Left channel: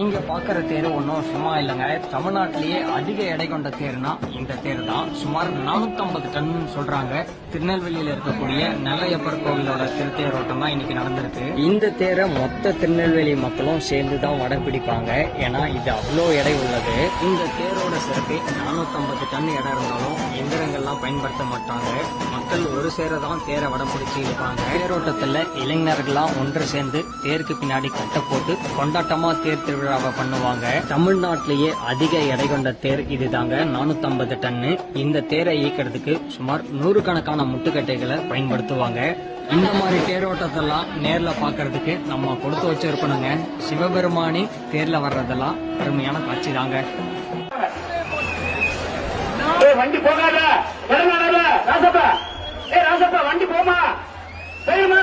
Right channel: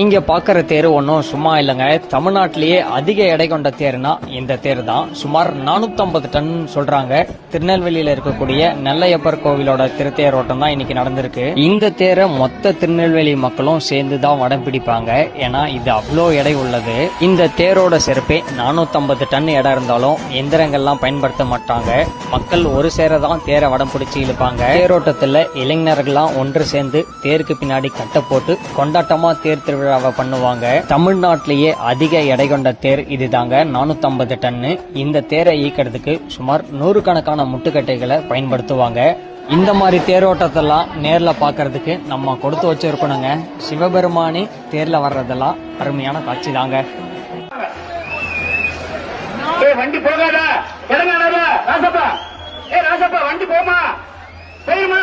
இங்க பாக்குற தேர் ஒன்றும் சும்மா இல்லைங்க. தமிழ்நாட்டிலேயே அதிக எடை கொண்ட தேர்னா இந்த தேர் தான். சுமார் 450 டன் சொல்றாங்க. திருநெல்வேலியில இருக்கக்கூடிய நெல்லையப்பர் கோவிலோட திருத்தேரோட்டம் தான் இன்னைக்கு நடந்திருக்கு. இந்த தேரை மொத்த திருநெல்வேலி மக்களும் சேர்ந்து தான் வடம் பிடிப்பாங்க. ஏன்னா இது அவ்வளோ எடை உள்ளது. இந்த தேரோட சிறப்பே 450 டன் எடை இருந்தாலும் எந்திரங்கள்லாம் பயன்படுத்த மாட்டாங்க. மக்கள் ஒரு சேர தான் தேரை வடம் பிடிச்சி இழுப்பாங்க. தேரோட்டத்துல இளைஞர்கள்லாம் ஒன்று சேர்ந்து தேருக்கு பின்னாடி கட்ட போட்டு கொண்டாட்டமா தேர் திருவிழாவை பண்ணுவாங்க. தமிழ்நாட்டிலேயே அதிக எடை கொண்ட தேர் இதுதாங்க, 450 டன்னு. இந்த தேரை இயக்கிறதுக்கு சுமார் 100 கணக்கான முட்டுக்கட்டைகளை பயன்படுத்துவாங்க. இந்த மாதிரி தேரோட்டத்தெல்லாம் நேர்ல பாக்குறதுக்கு நம்ம கொடுத்து வச்சிருக்கணுங்க. சிவபெருமானி தேர்ல வர்றதெல்லாம் அருமையான காட்சி தாங்க. வண்டி போகாத ராசப்பா, ராசப்பா வண்டி போமா போயிருமா.